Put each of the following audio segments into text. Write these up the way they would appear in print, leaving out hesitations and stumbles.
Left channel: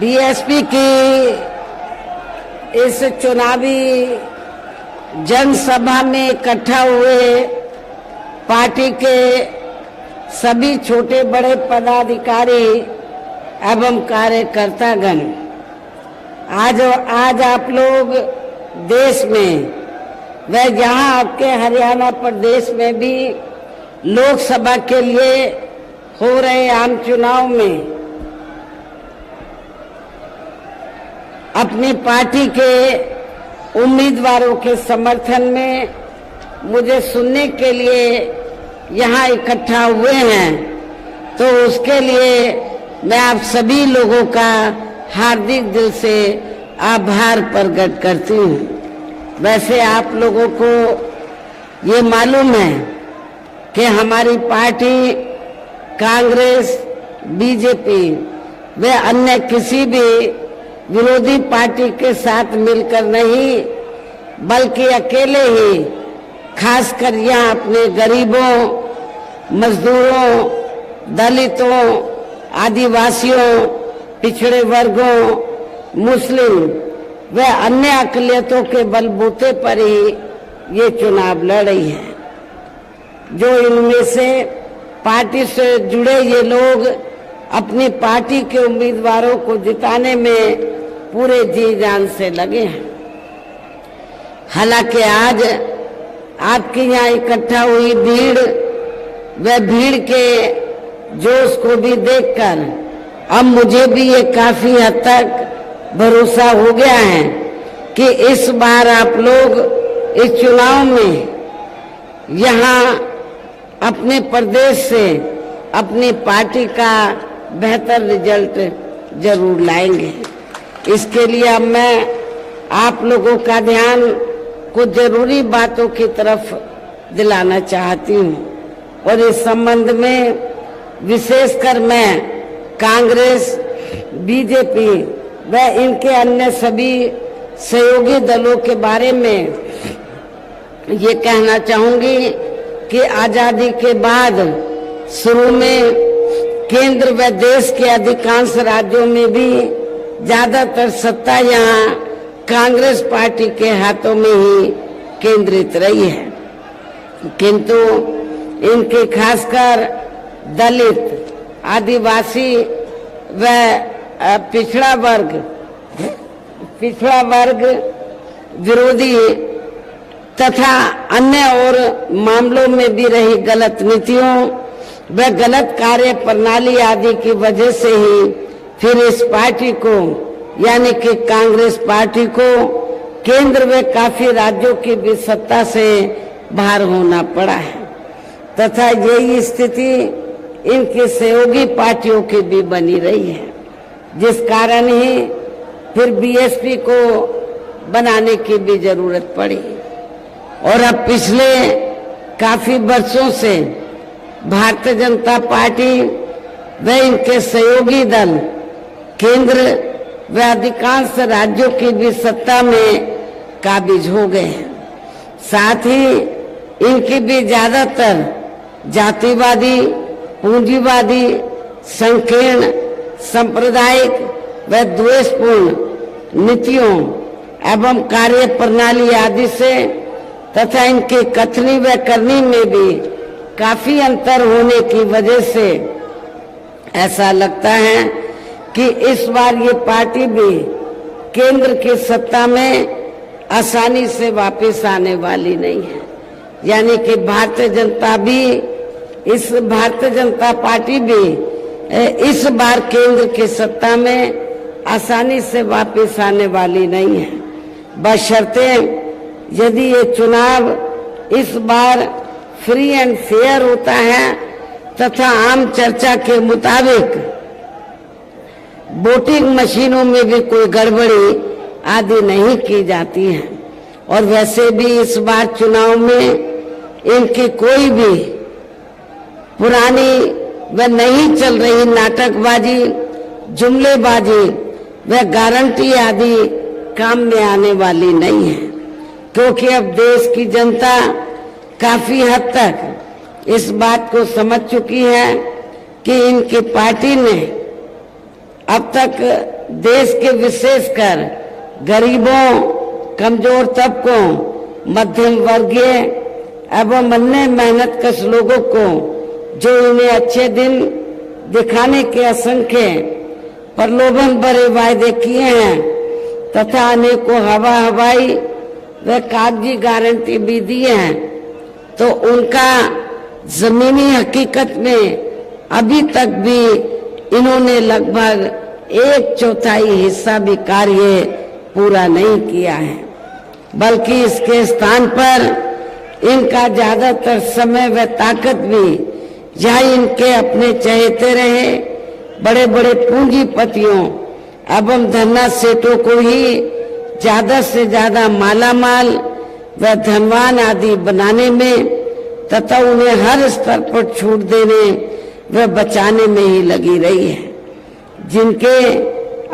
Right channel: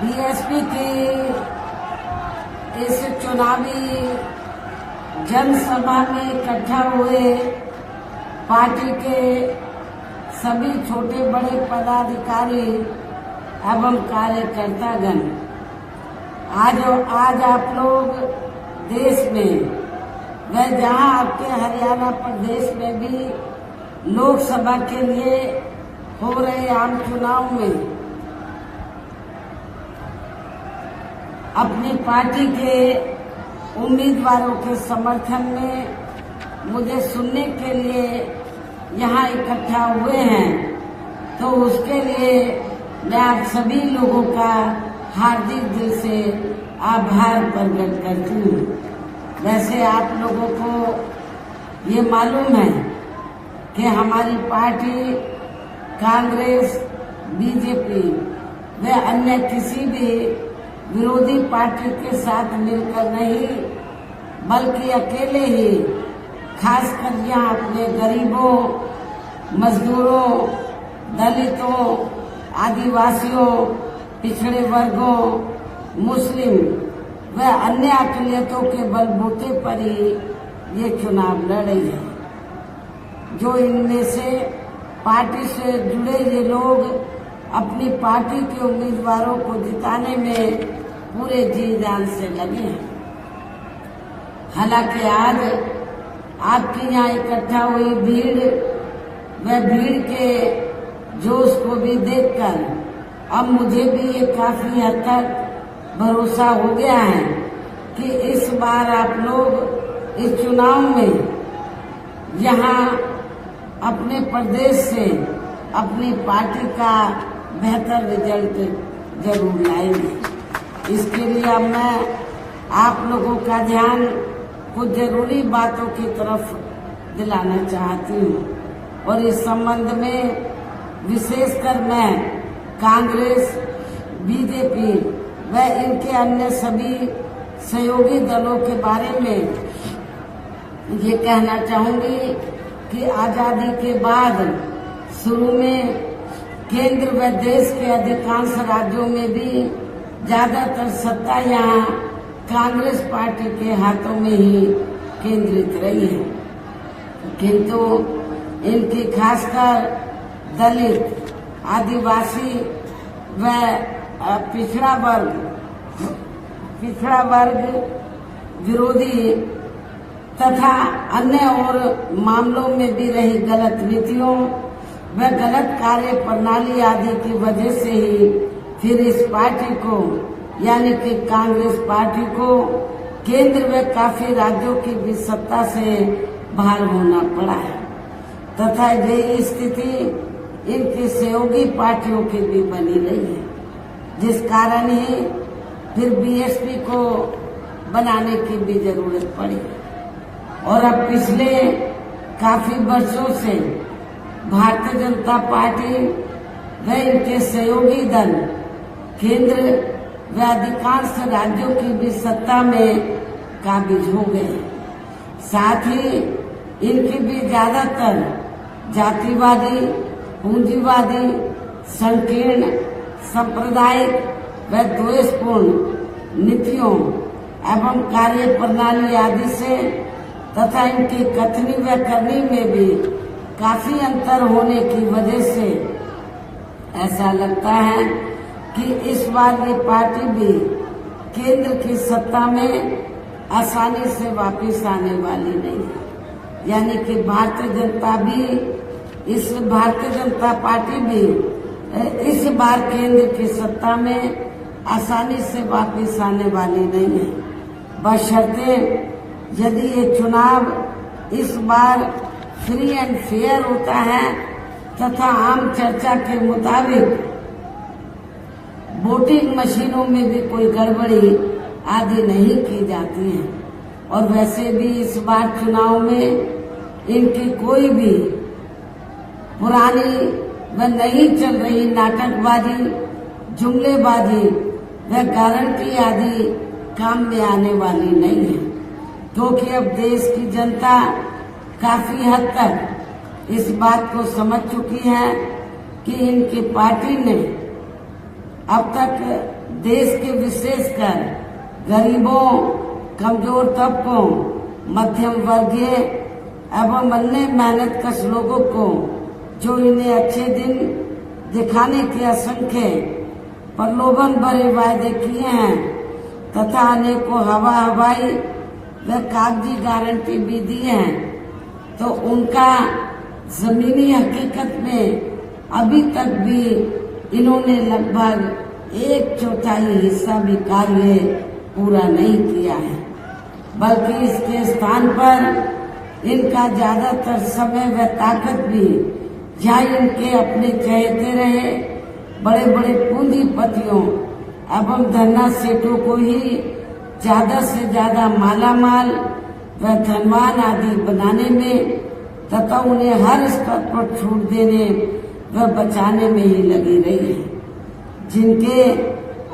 BSP की इस चुनावी जनसभा में इकट्ठा हुए पार्टी के सभी छोटे बड़े पदाधिकारी एवं कार्यकर्तागण, आज आप लोग देश में व यहाँ आपके हरियाणा प्रदेश में भी लोकसभा के लिए हो रहे आम चुनाव में अपनी पार्टी के उम्मीदवारों के समर्थन में मुझे सुनने के लिए यहाँ इकट्ठा हुए हैं, तो उसके लिए मैं आप सभी लोगों का हार्दिक दिल से आभार प्रकट करती हूँ। वैसे आप लोगों को ये मालूम है कि हमारी पार्टी कांग्रेस, बीजेपी व अन्य किसी भी विरोधी पार्टी के साथ मिलकर नहीं, बल्कि अकेले ही खासकर यहाँ अपने गरीबों, मजदूरों, दलितों, आदिवासियों, पिछड़े वर्गों, मुस्लिम व अन्य अकलियतों के बलबूते पर ही ये चुनाव लड़ रही है। जो इनमें से पार्टी से जुड़े ये लोग अपनी पार्टी के उम्मीदवारों को जिताने में पूरे जी जान से लगे हैं। हालांकि आज आपके यहाँ इकट्ठा हुई भीड़ व भीड़ के जोश को भी देखकर अब मुझे भी ये काफी हद तक भरोसा हो गया है कि इस बार आप लोग इस चुनाव में यहाँ अपने प्रदेश से अपनी पार्टी का बेहतर रिजल्ट जरूर लाएंगे। इसके लिए अब मैं आप लोगों का ध्यान कुछ जरूरी बातों की तरफ दिलाना चाहती हूँ, और इस संबंध में विशेषकर मैं कांग्रेस, बीजेपी व इनके अन्य सभी सहयोगी दलों के बारे में ये कहना चाहूंगी कि आजादी के बाद शुरू में केंद्र व देश के अधिकांश राज्यों में भी ज्यादातर सत्ता यहाँ कांग्रेस पार्टी के हाथों में ही केंद्रित रही है, किंतु इनके खासकर दलित, आदिवासी व पिछड़ा वर्ग विरोधी तथा अन्य और मामलों में भी रही गलत नीतियों व गलत कार्य प्रणाली आदि की वजह से ही फिर इस पार्टी को यानी कि कांग्रेस पार्टी को केंद्र व काफी राज्यों की भी सत्ता से बाहर होना पड़ा है, तथा यही स्थिति इनकी सहयोगी पार्टियों की भी बनी रही है, जिस कारण ही फिर बीएसपी को बनाने की भी जरूरत पड़ी। और अब पिछले काफी वर्षों से भारतीय जनता पार्टी व इनके सहयोगी दल केंद्र व अधिकांश राज्यों की भी सत्ता में काबिज हो गए हैं। साथ ही इनकी भी ज्यादातर जातिवादी, पूंजीवादी, संकीर्ण, सांप्रदायिक व द्वेषपूर्ण नीतियों एवं कार्य प्रणाली आदि से तथा इनकी कथनी व करनी में भी काफी अंतर होने की वजह से ऐसा लगता है कि इस बार ये पार्टी भी केंद्र की सत्ता में आसानी से वापस आने वाली नहीं है, यानी कि भारतीय जनता पार्टी भी इस बार केंद्र की सत्ता में आसानी से वापस आने वाली नहीं है, बशर्ते यदि ये चुनाव इस बार फ्री एंड फेयर होता है तथा आम चर्चा के मुताबिक वोटिंग मशीनों में भी कोई गड़बड़ी आदि नहीं की जाती है। और वैसे भी इस बार चुनाव में इनकी कोई भी पुरानी व नहीं चल रही नाटकबाजी, जुमलेबाजी व गारंटी आदि काम में आने वाली नहीं है, क्योंकि अब देश की जनता काफी हद तक इस बात को समझ चुकी है कि इनकी पार्टी ने अब तक देश के विशेषकर गरीबों, कमजोर तबकों, मध्यम वर्गीय एवं अन्य मेहनतकश लोगों को जो इन्हें अच्छे दिन दिखाने के असंख्य प्रलोभन भरे वायदे किए हैं तथा अनेकों हवाई व कागजी गारंटी भी दी हैं, तो उनका जमीनी हकीकत में अभी तक भी इन्होंने लगभग 1/4 हिस्सा भी कार्य पूरा नहीं किया है, बल्कि इसके स्थान पर इनका ज्यादातर समय व ताकत भी जहाँ इनके अपने चहेते रहे बड़े बड़े पूंजीपतियों एवं धन्ना सेठों को ही ज्यादा से ज्यादा मालामाल व धनवान आदि बनाने में तथा उन्हें हर स्तर पर छूट देने व बचाने में ही लगी रही है, जिनके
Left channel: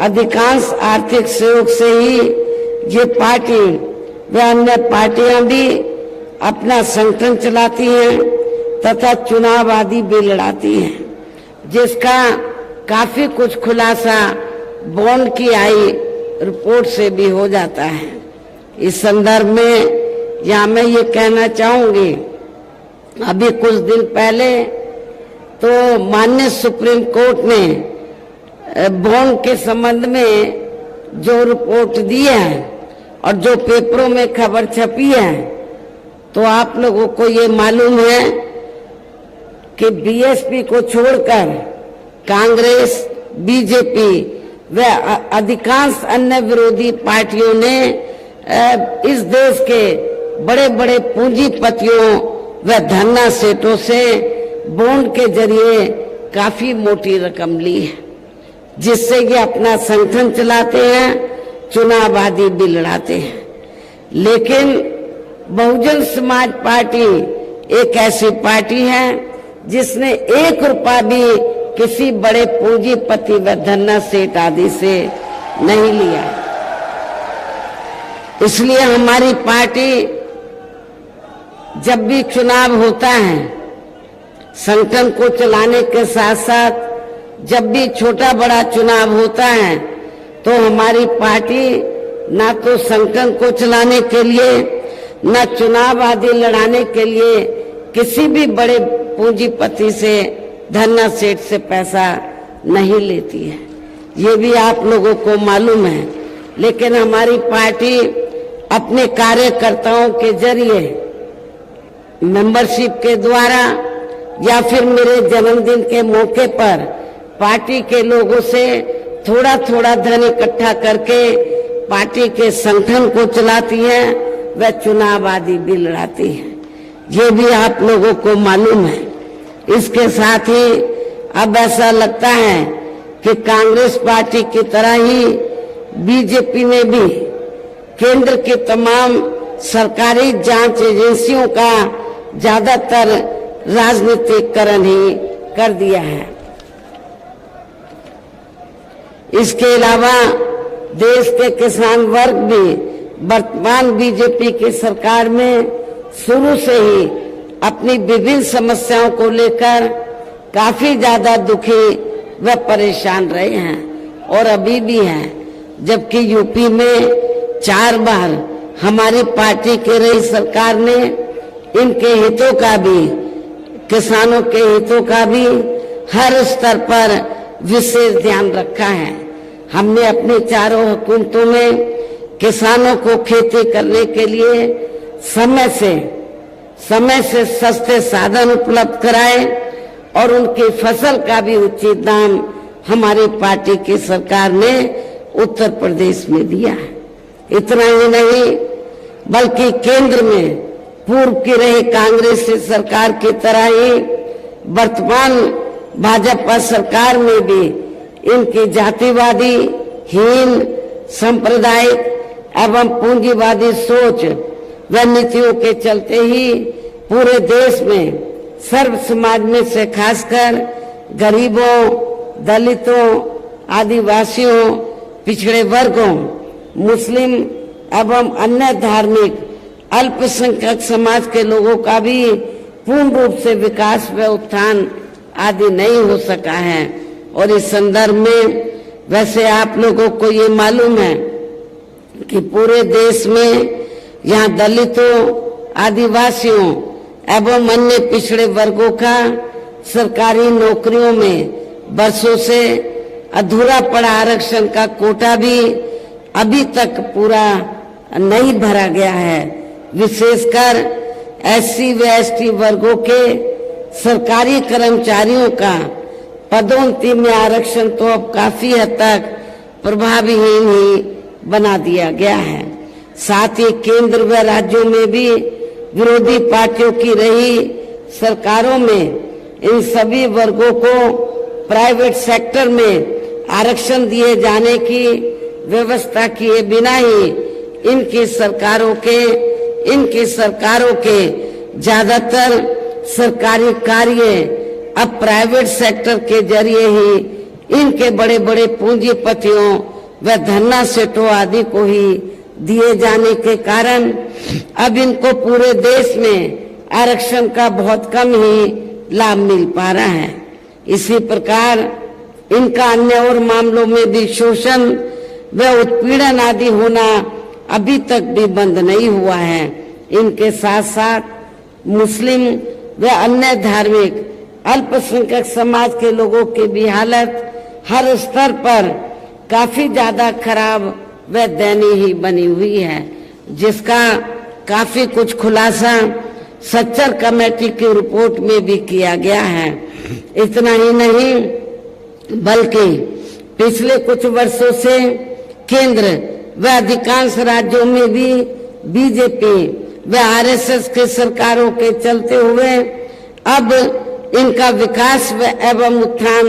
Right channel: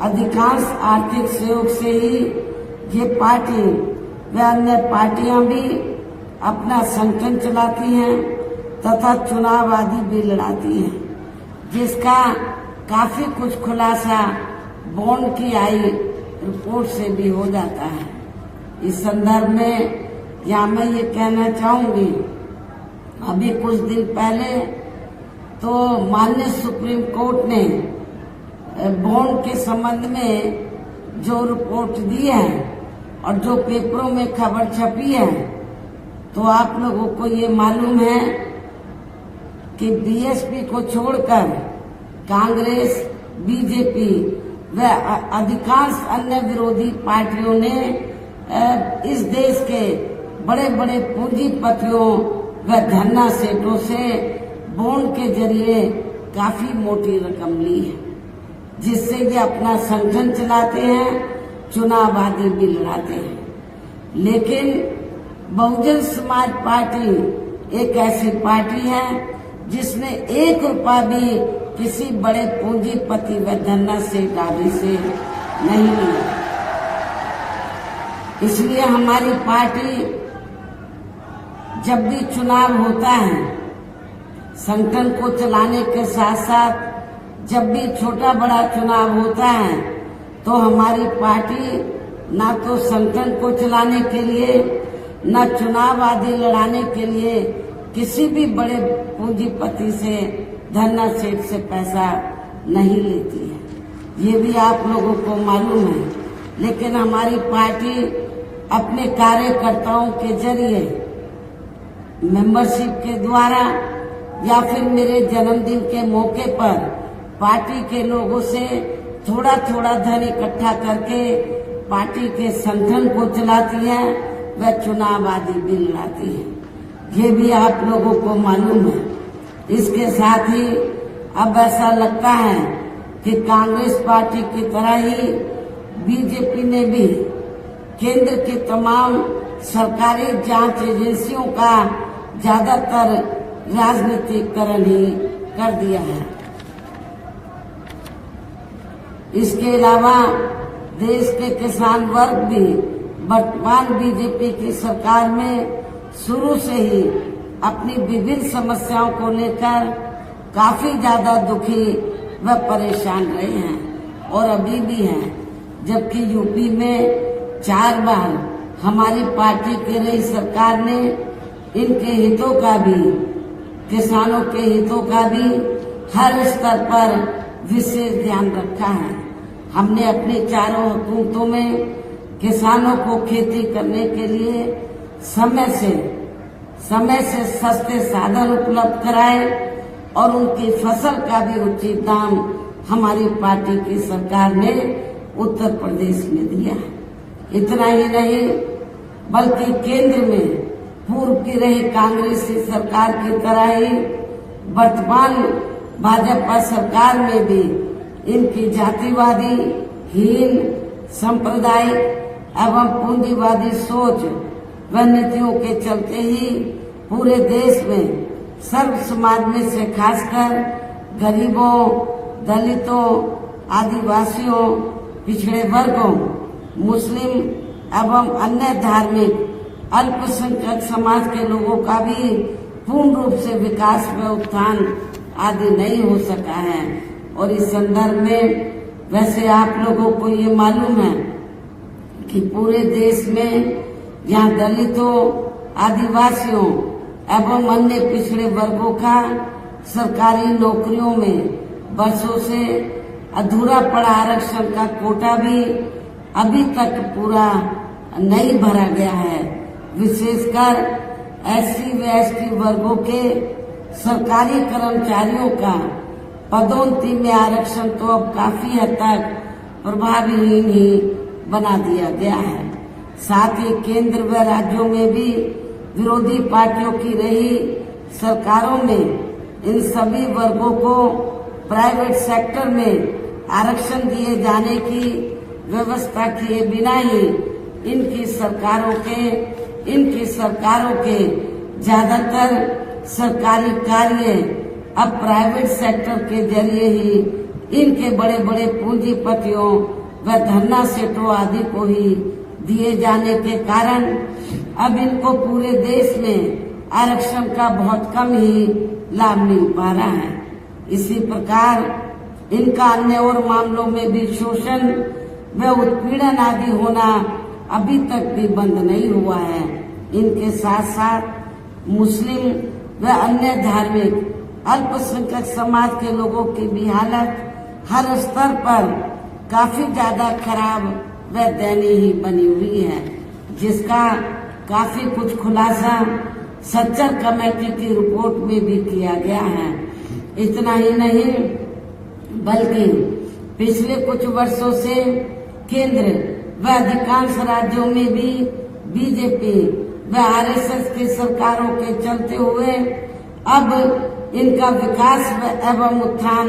अधिकांश आर्थिक सहयोग से ही ये पार्टी व अन्य पार्टियां भी अपना संगठन चलाती हैं तथा चुनाव आदि भी लड़ाती हैं, जिसका काफी कुछ खुलासा बॉन्ड की आई रिपोर्ट से भी हो जाता है। इस संदर्भ में यहाँ मैं ये कहना चाहूंगी, अभी कुछ दिन पहले तो माननीय सुप्रीम कोर्ट ने बॉन्ड के संबंध में जो रिपोर्ट दी है और जो पेपरों में खबर छपी है, तो आप लोगों को ये मालूम है कि बीएसपी को छोड़कर कांग्रेस, बीजेपी व अधिकांश अन्य विरोधी पार्टियों ने इस देश के बड़े बड़े पूंजीपतियों व धन्ना सेठों से बॉन्ड के जरिए काफी मोटी रकम ली है, जिससे ये अपना संगठन चलाते हैं, चुनाव आदि भी लड़ाते हैं। लेकिन बहुजन समाज पार्टी एक ऐसी पार्टी है जिसने 1 रुपया भी किसी बड़े पूंजीपति व धन्ना सेठ आदि से नहीं लिया। इसलिए हमारी पार्टी जब भी चुनाव होता है, संगठन को चलाने के साथ साथ जब भी छोटा बड़ा चुनाव होता है, तो हमारी पार्टी ना तो संगठन को चलाने के लिए न चुनाव आदि लड़ाने के लिए किसी भी बड़े पूंजीपति से, धन्ना सेठ से पैसा नहीं लेती है, ये भी आप लोगों को मालूम है। लेकिन हमारी पार्टी अपने कार्यकर्ताओं के जरिए, मेंबरशिप के द्वारा या फिर मेरे जन्मदिन के मौके पर पार्टी के लोगों से थोड़ा थोड़ा धन इकट्ठा करके पार्टी के संगठन को चलाती है व चुनाव आदि भी लड़ाती है, ये भी आप लोगों को मालूम है। इसके साथ ही अब ऐसा लगता है कि कांग्रेस पार्टी की तरह ही बीजेपी ने भी केंद्र के तमाम सरकारी जांच एजेंसियों का ज्यादातर राजनीतिकरण ही कर दिया है। इसके अलावा देश के किसान वर्ग भी वर्तमान बीजेपी की सरकार में शुरू से ही अपनी विभिन्न समस्याओं को लेकर काफी ज्यादा दुखी व परेशान रहे हैं और अभी भी हैं, जबकि यूपी में 4 बार हमारी पार्टी की रही सरकार ने इनके हितों का भी, किसानों के हितों का भी हर स्तर पर विशेष ध्यान रखा है। हमने अपनी चारों हुकूमतों में किसानों को खेती करने के लिए समय से सस्ते साधन उपलब्ध कराए और उनकी फसल का भी उचित दाम हमारी पार्टी की सरकार ने उत्तर प्रदेश में दिया है। इतना ही नहीं, बल्कि केंद्र में पूर्व की रही कांग्रेस सरकार की तरह ही वर्तमान भाजपा सरकार में भी इनकी जातिवादी, हीन, सांप्रदायिक एवं पूंजीवादी सोच व नीतियों के चलते ही पूरे देश में सर्व समाज में से खासकर गरीबों, दलितों, आदिवासियों, पिछड़े वर्गों, मुस्लिम एवं अन्य धार्मिक अल्पसंख्यक समाज के लोगों का भी पूर्ण रूप से विकास व उत्थान आदि नहीं हो सका है। और इस संदर्भ में वैसे आप लोगों को ये मालूम है कि पूरे देश में यहाँ दलितों, आदिवासियों एवं अन्य पिछड़े वर्गों का सरकारी नौकरियों में वर्षों से अधूरा पड़ा आरक्षण का कोटा भी अभी तक पूरा नहीं भरा गया है। विशेषकर एससी व एसटी वर्गों के सरकारी कर्मचारियों का पदोन्नति में आरक्षण तो अब काफी हद तक प्रभावहीन ही बना दिया गया है। साथ ही केंद्र व राज्यों में भी विरोधी पार्टियों की रही सरकारों में इन सभी वर्गों को प्राइवेट सेक्टर में आरक्षण दिए जाने की व्यवस्था किए बिना ही इनकी सरकारों के ज्यादातर सरकारी कार्य अब प्राइवेट सेक्टर के जरिए ही इनके बड़े बड़े पूंजीपतियों व धन्ना सेठों आदि को ही दिए जाने के कारण अब इनको पूरे देश में आरक्षण का बहुत कम ही लाभ मिल पा रहा है। इसी प्रकार इनका अन्य और मामलों में भी शोषण व उत्पीड़न आदि होना अभी तक भी बंद नहीं हुआ है। इनके साथ साथ मुस्लिम व अन्य धार्मिक अल्पसंख्यक समाज के लोगों की भी हालत हर स्तर पर काफी ज्यादा खराब व दयनीय ही बनी हुई है, जिसका काफी कुछ खुलासा सच्चर कमेटी की रिपोर्ट में भी किया गया है। इतना ही नहीं बल्कि पिछले कुछ वर्षों से केंद्र व अधिकांश राज्यों में भी बीजेपी व आरएसएस के सरकारों के चलते हुए अब इनका विकास व एवं उत्थान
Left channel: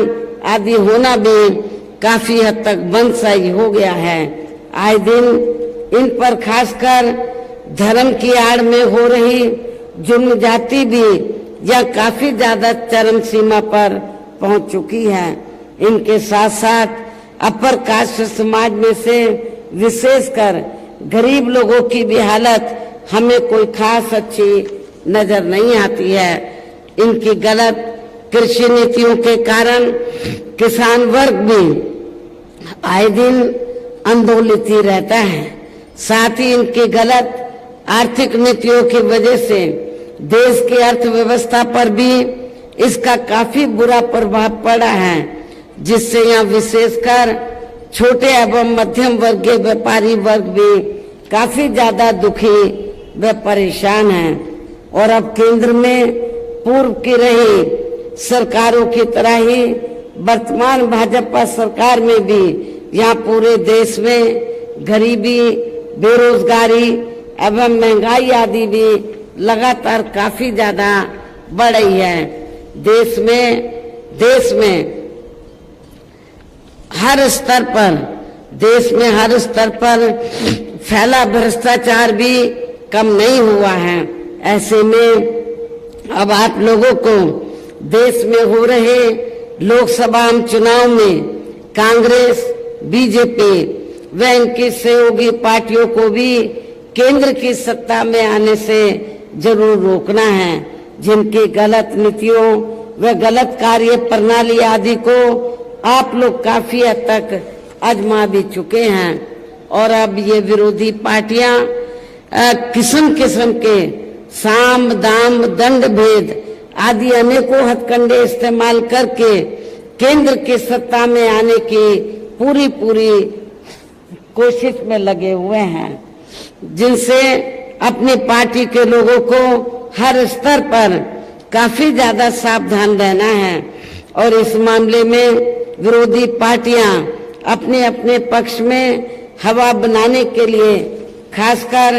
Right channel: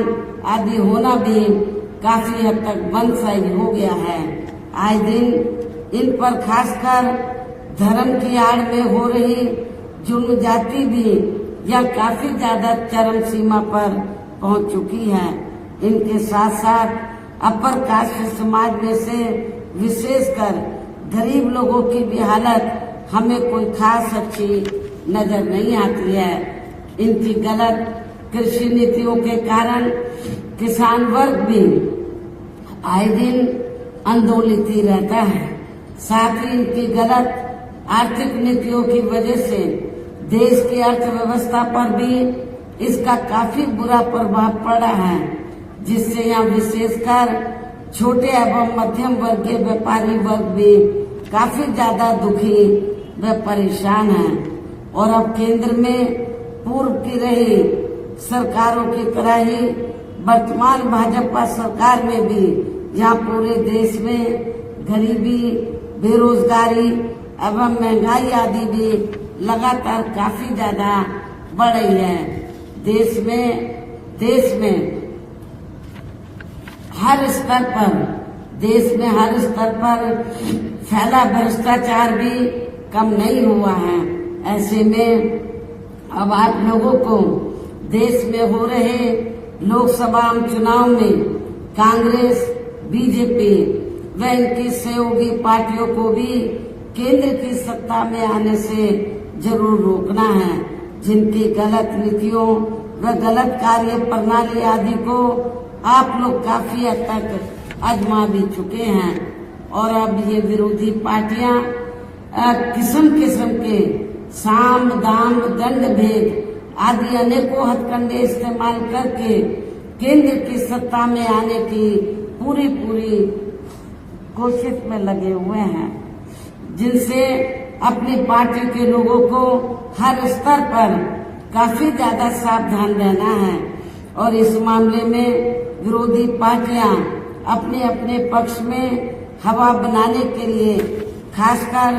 आदि होना भी काफी हद तक बंद सा ही हो गया है। आए दिन इन पर खासकर धर्म की आड़ में हो रही जुल्म जाति भी यह काफी ज्यादा चरम सीमा पर पहुंच चुकी है। इनके साथ साथ अपर कास्ट समाज में से विशेषकर गरीब लोगों की भी हालत हमें कोई खास अच्छी नजर नहीं आती है। इनकी गलत कृषि नीतियों के कारण किसान वर्ग भी आए दिन आंदोलित ही रहता है। साथ ही इनकी गलत आर्थिक नीतियों की वजह से देश की अर्थव्यवस्था पर भी इसका काफी बुरा प्रभाव पड़ा है, जिससे यहाँ विशेषकर छोटे एवं मध्यम वर्गीय व्यापारी वर्ग भी काफी ज्यादा दुखी व परेशान हैं। और अब केंद्र में पूर्व की रही सरकारों की तरह ही वर्तमान भाजपा सरकार में भी यहाँ पूरे देश में गरीबी, बेरोजगारी एवं महंगाई आदि भी लगातार काफी ज्यादा बढ़ रही है। देश में हर स्तर पर फैला भ्रष्टाचार भी कम नहीं हुआ है। ऐसे में अब आप लोगों को देश में हो रहे लोकसभा चुनाव में कांग्रेस, बीजेपी व इनकी सहयोगी पार्टियों को भी केंद्र की सत्ता में आने से जरूर रोकना है, जिनकी गलत नीतियों व गलत कार्य प्रणाली आदि को आप लोग काफी हद तक आजमा भी चुके हैं। और अब ये विरोधी पार्टियां किस्म किस्म के साम, दाम, दंड भेद आदि अनेकों हथकंडे इस्तेमाल करके केंद्र की सत्ता में आने की पूरी कोशिश में लगे हुए हैं, जिनसे अपनी पार्टी के लोगों को हर स्तर पर काफी ज्यादा सावधान रहना है। और इस मामले में विरोधी पार्टियां अपने अपने पक्ष में हवा बनाने के लिए खासकर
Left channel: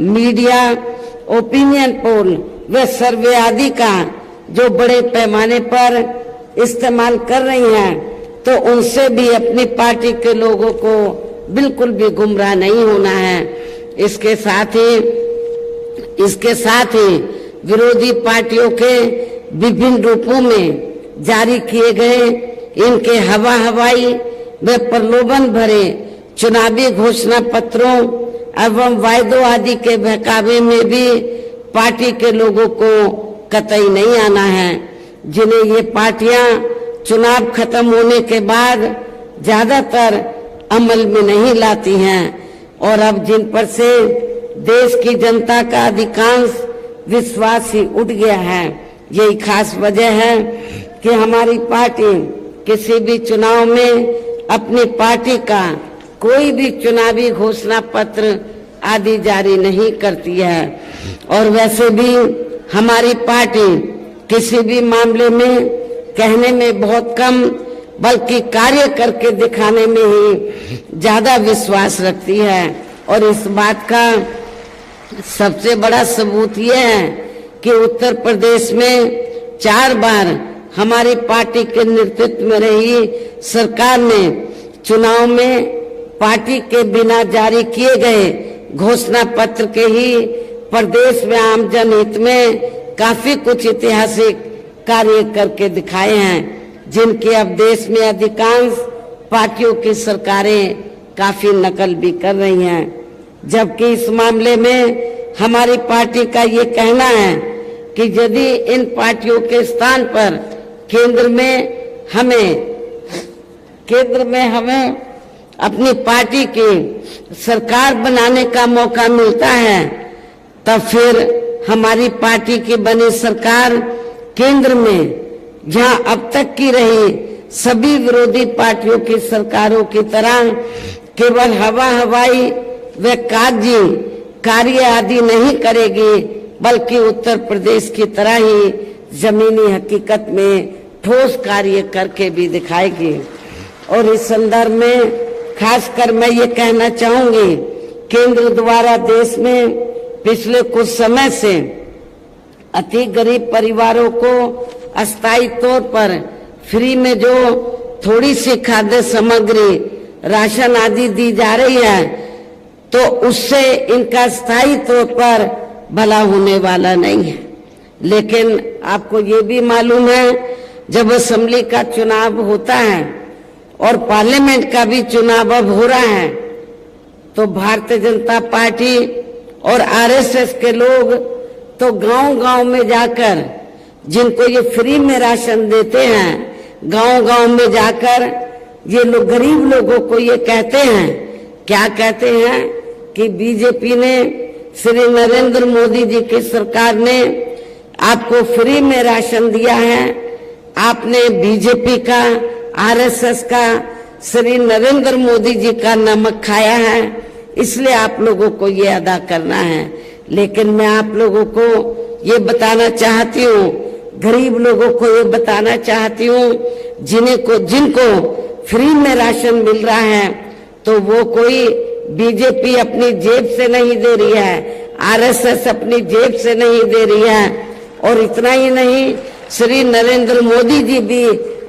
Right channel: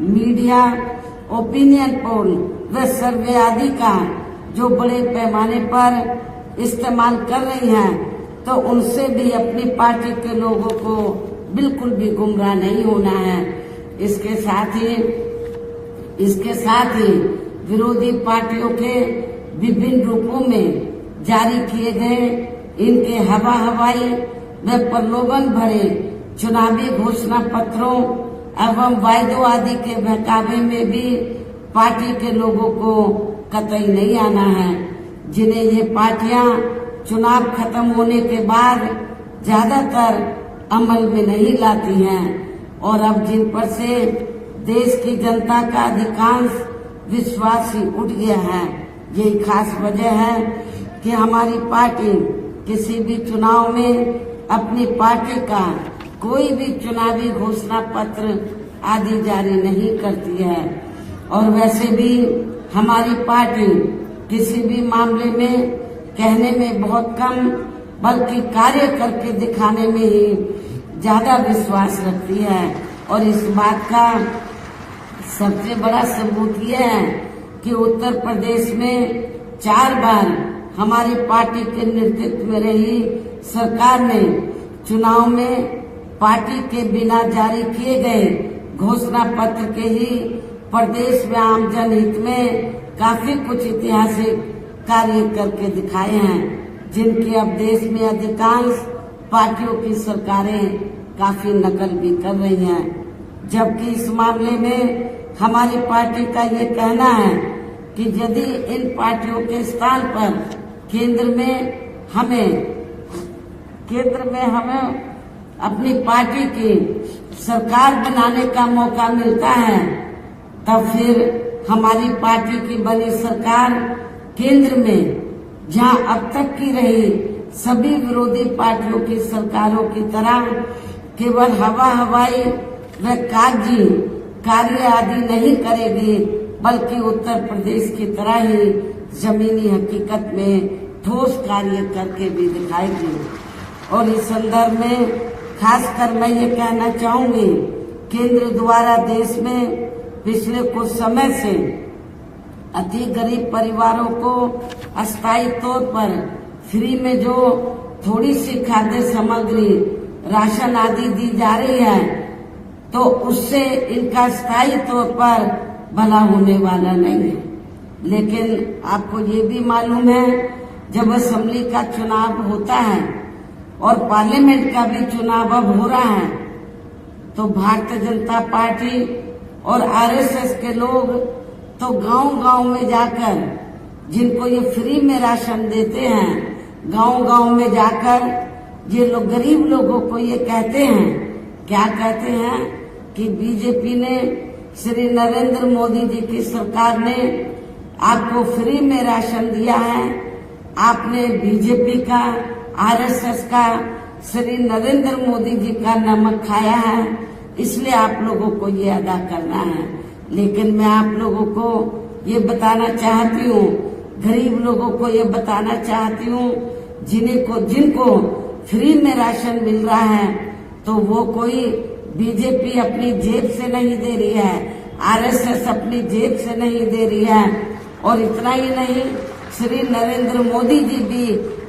मीडिया, ओपिनियन पोल व सर्वे आदि का जो बड़े पैमाने पर इस्तेमाल कर रही हैं, तो उनसे भी अपनी पार्टी के लोगों को बिल्कुल भी गुमराह नहीं होना है। इसके साथ ही विरोधी पार्टियों के विभिन्न रूपों में जारी किए गए इनके हवाई व प्रलोभन भरे चुनावी घोषणा पत्रों एवं वायदों आदि के बहकावे में भी पार्टी के लोगों को कतई नहीं आना है, जिन्हें ये पार्टियां चुनाव खत्म होने के बाद ज्यादातर अमल में नहीं लाती हैं और अब जिन पर से देश की जनता का अधिकांश विश्वास ही उठ गया है। यही खास वजह है कि हमारी पार्टी किसी भी चुनाव में अपनी पार्टी का कोई भी चुनावी घोषणा पत्र आदि जारी नहीं करती है और वैसे भी हमारी पार्टी किसी भी मामले में कहने में बहुत कम बल्कि कार्य करके दिखाने में ही ज्यादा विश्वास रखती है। और इस बात का सबसे बड़ा सबूत यह है कि उत्तर प्रदेश में 4 बार हमारी पार्टी के नेतृत्व में रही सरकार ने चुनाव में पार्टी के बिना जारी किए गए घोषणा पत्र के ही प्रदेश में आम जनहित में काफी कुछ ऐतिहासिक कार्य करके दिखाए हैं, जिनकी अब देश में अधिकांश पार्टियों की सरकारें काफी नकल भी कर रही हैं। जबकि इस मामले में हमारी पार्टी का ये कहना है कि यदि इन पार्टियों के स्थान पर केंद्र में हमें अपनी पार्टी की सरकार बनाने का मौका मिलता है, तब फिर हमारी पार्टी की बनी सरकार केंद्र में जहां अब तक की रही सभी विरोधी पार्टियों की सरकारों की तरह केवल हवाई व कागजी कार्य आदि नहीं करेगी, बल्कि उत्तर प्रदेश की तरह ही जमीनी हकीकत में ठोस कार्य करके भी दिखाएगी। और इस संदर्भ में खासकर मैं ये कहना चाहूंगी, केंद्र द्वारा देश में पिछले कुछ समय से अति गरीब परिवारों को अस्थायी तौर पर फ्री में जो थोड़ी सी खाद्य सामग्री राशन आदि दी जा रही है, तो उससे इनका स्थायी तौर पर भला होने वाला नहीं है। लेकिन आपको ये भी मालूम है, जब असेंबली का चुनाव होता है और पार्लियामेंट का भी चुनाव अब हो रहा है, तो भारतीय जनता पार्टी और आरएसएस के लोग तो गांव-गांव में जाकर जिनको ये फ्री में राशन देते हैं, गांव-गांव में जाकर ये लोग गरीब लोगों को ये कहते हैं, क्या कहते हैं कि बीजेपी ने, श्री नरेंद्र मोदी जी की सरकार ने आपको फ्री में राशन दिया है, आपने बीजेपी का, आरएसएस का, श्री नरेंद्र मोदी जी का नमक खाया है, इसलिए आप लोगों को ये अदा करना है। लेकिन मैं आप लोगों को ये बताना चाहती हूँ, गरीब लोगों को ये बताना चाहती हूँ, जिनको फ्री में राशन मिल रहा है, तो वो कोई बीजेपी अपनी जेब से नहीं दे रही है, आरएसएस अपनी जेब से नहीं दे रही है, और इतना ही नहीं, श्री नरेंद्र मोदी जी भी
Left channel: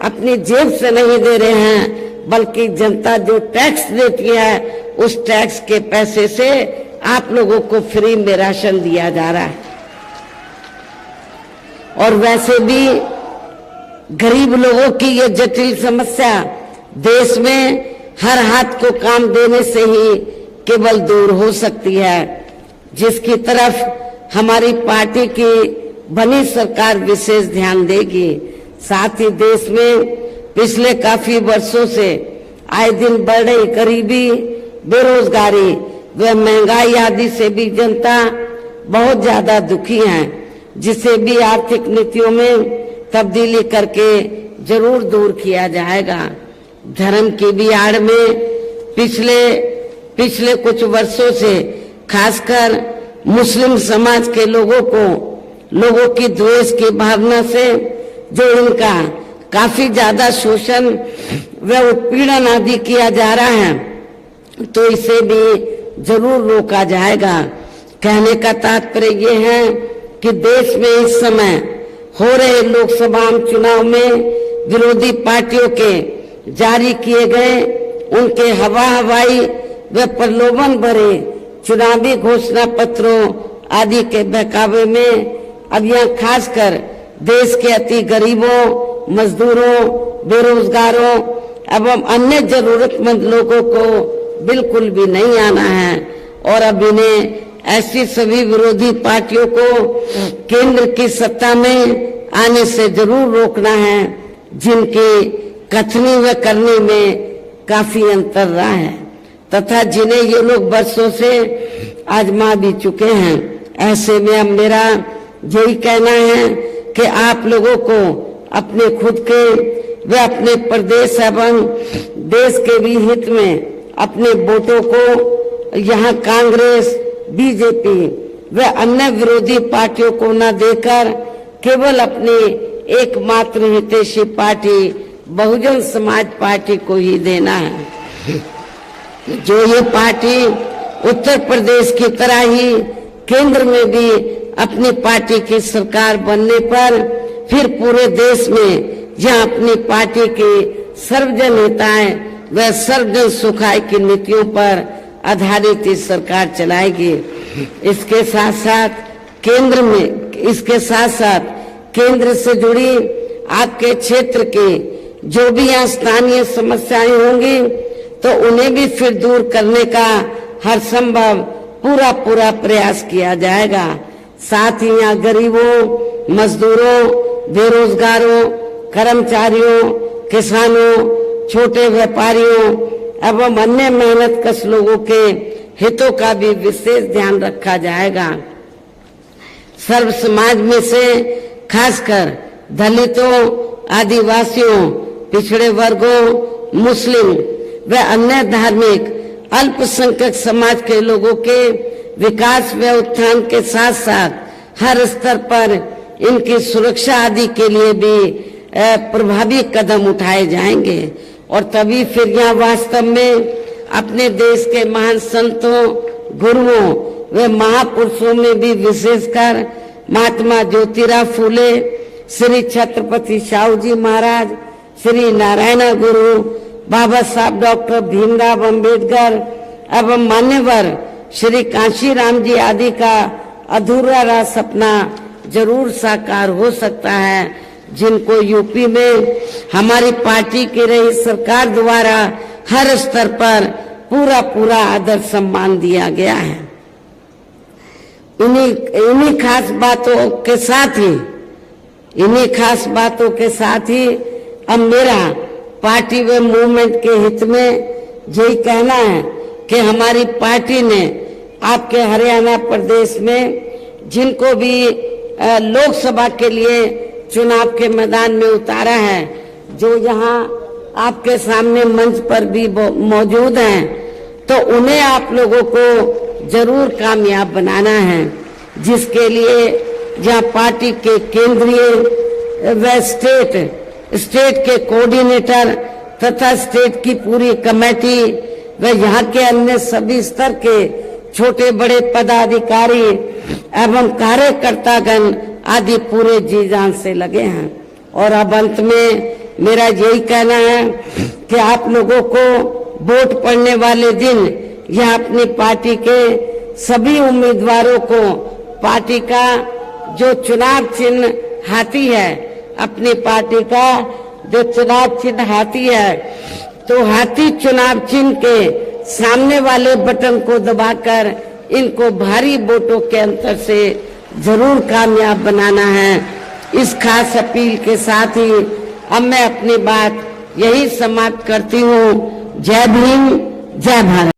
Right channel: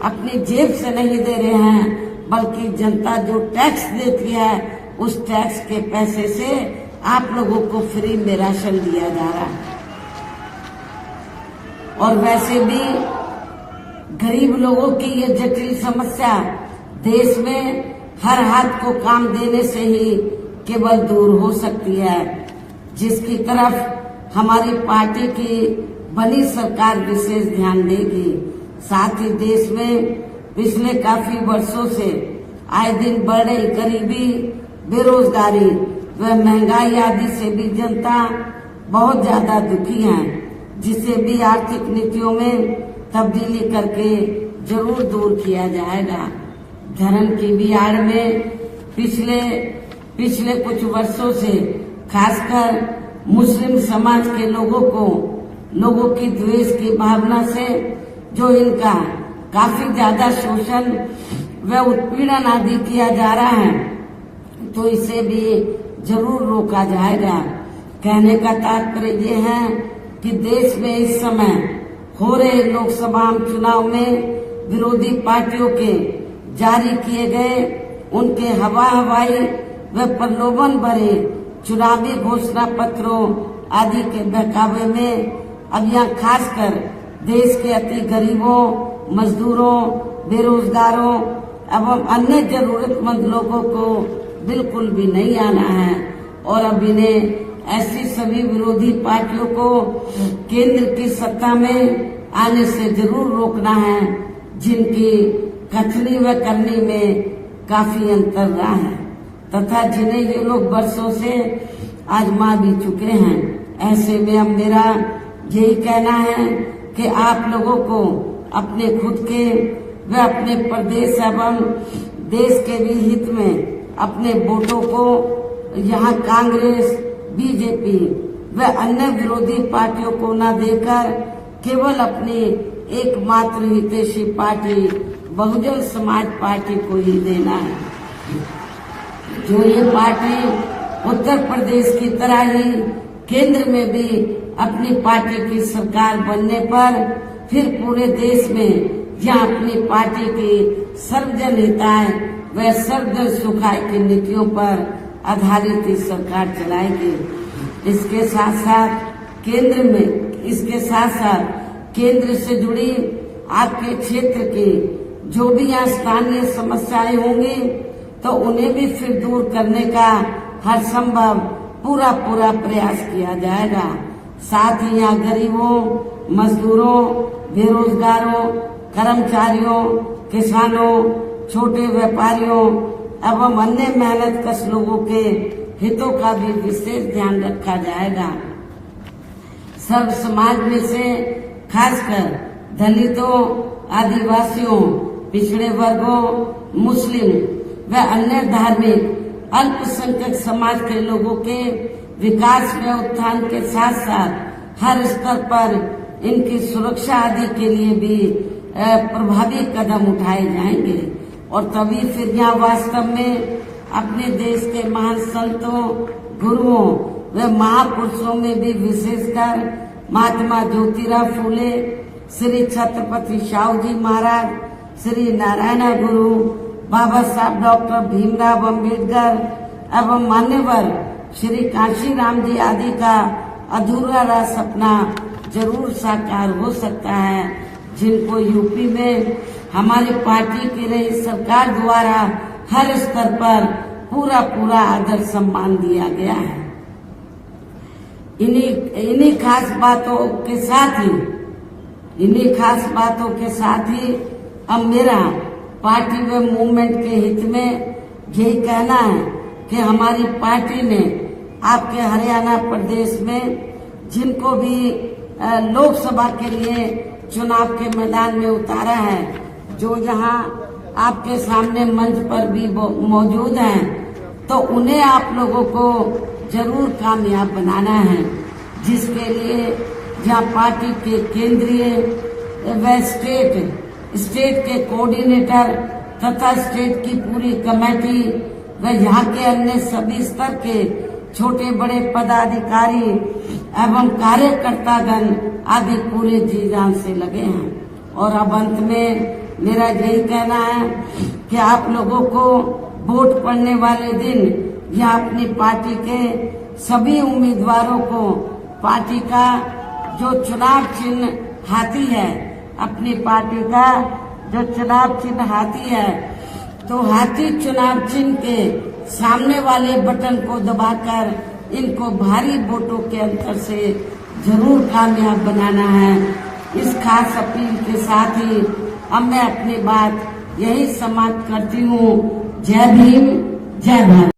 अपनी जेब से नहीं दे रहे हैं, बल्कि जनता जो टैक्स देती है उस टैक्स के पैसे से आप लोगों को फ्री में राशन दिया जा रहा है। और वैसे भी गरीब लोगों की ये जटिल समस्या देश में हर हाथ को काम देने से ही केवल दूर हो सकती है, जिसकी तरफ हमारी पार्टी की बनी सरकार विशेष ध्यान देगी। साथ ही देश में पिछले काफी वर्षों से आए दिन बढ़ रही गरीबी, बेरोजगारी व महंगाई आदि से भी जनता बहुत ज्यादा दुखी है, जिसे भी आर्थिक नीतियों में तब्दीली करके जरूर दूर किया जाएगा। धर्म की भी आड़ में पिछले कुछ वर्षों से खासकर मुस्लिम समाज के लोगों की द्वेष की भावना से जो इनका काफी ज्यादा शोषण व उत्पीड़न आदि किया जा रहा है, तो इसे भी जरूर रोका जाएगा। कहने का तात्पर्य ये है कि देश में इस समय हो रहे लोकसभा चुनाव में विरोधी पार्टियों के जारी किए गए उनके हवाई व प्रलोभन भरे चुनावी घोषणा पत्रों आदि के बहकावे में अब यहाँ खासकर देश के अति गरीबों, मजदूरों, बेरोजगारों एवं अन्य जरूरतमंद लोगों को बिल्कुल भी नहीं आना है। और अब इन्हें ऐसी सभी विरोधी पार्टियों को केंद्र की सत्ता में आने से जरूर रोकना है, जिनकी कथनी व करनी में काफी अंतर रहा है तथा जिन्हें ये लोग बरसों से आजमा भी चुके हैं। ऐसे में अब मेरा यही कहना है कि आप लोगों को अपने खुद के व अपने प्रदेश एवं देश के भी हित में अपने वोटों को यहाँ कांग्रेस, बीजेपी व अन्य विरोधी पार्टियों को न देकर केवल अपनी एकमात्र हितैषी पार्टी बहुजन समाज पार्टी को ही देना है। जो ये पार्टी उत्तर प्रदेश की तरह ही केंद्र में भी अपनी पार्टी की सरकार बनने पर फिर पूरे देश में जहां अपनी पार्टी की सर्वजन हिताय व सर्वजन सुखाय की नीतियों पर आधारित इस सरकार चलाएगी। इसके साथ केंद्र से जुड़ी आपके क्षेत्र की जो भी यहाँ स्थानीय समस्याएं होंगी तो उन्हें भी फिर दूर करने का हर संभव पूरा प्रयास किया जाएगा। साथ ही यहाँ गरीबों, मजदूरों, बेरोजगारों, कर्मचारियों, किसानों, छोटे व्यापारियों एवं अन्य मेहनतकश लोगों के हितों का भी विशेष ध्यान रखा जाएगा। सर्व समाज में से खासकर दलितों, आदिवासियों, पिछड़े वर्गों, मुस्लिम व अन्य धार्मिक अल्पसंख्यक समाज के लोगों के विकास व उत्थान के साथ साथ हर स्तर पर इनकी सुरक्षा आदि के लिए भी प्रभावी कदम उठाए जाएंगे और तभी फिर यहाँ वास्तव में अपने देश के महान संतों, गुरुओं व महापुरुषों में भी विशेषकर महात्मा ज्योतिराव फूले, श्री छत्रपति शाहू जी महाराज, श्री नारायण गुरु, बाबा साहब डॉक्टर भीमराव अंबेडकर एवं मान्यवर श्री कांशीराम जी आदि का अधूरा रहा सपना जरूर साकार हो सकता है, जिनको यूपी में हमारी पार्टी की रही सरकार द्वारा हर स्तर पर पूरा आदर सम्मान दिया गया है। इन्हीं खास बातों के साथ ही अब मेरा पार्टी व मूवमेंट के हित में यही कहना है कि हमारी पार्टी ने आपके हरियाणा प्रदेश में जिनको भी लोकसभा के लिए चुनाव के मैदान में उतारा है, जो यहाँ आपके सामने मंच पर भी मौजूद हैं, तो उन्हें आप लोगों को जरूर कामयाब बनाना है, जिसके लिए जहाँ पार्टी के केंद्रीय व स्टेट के कोऑर्डिनेटर तथा स्टेट की पूरी कमेटी व यहाँ के अन्य सभी स्तर के छोटे बड़े पदाधिकारी एवं कार्यकर्तागण आदि पूरे जी जान से लगे हैं। और अब अंत में मेरा यही कहना है कि आप लोगों को वोट पड़ने वाले दिन यह अपनी पार्टी के सभी उम्मीदवारों को पार्टी का जो चुनाव चिन्ह हाथी है, अपनी पार्टी का जो चुनाव चिन्ह हाथी है, तो हाथी चुनाव चिन्ह के सामने वाले बटन को दबाकर इनको भारी वोटों के अंतर से जरूर कामयाब बनाना है। इस खास अपील के साथ ही अब मैं अपनी बात यही समाप्त करती हूँ। जय भीम, जय भारत।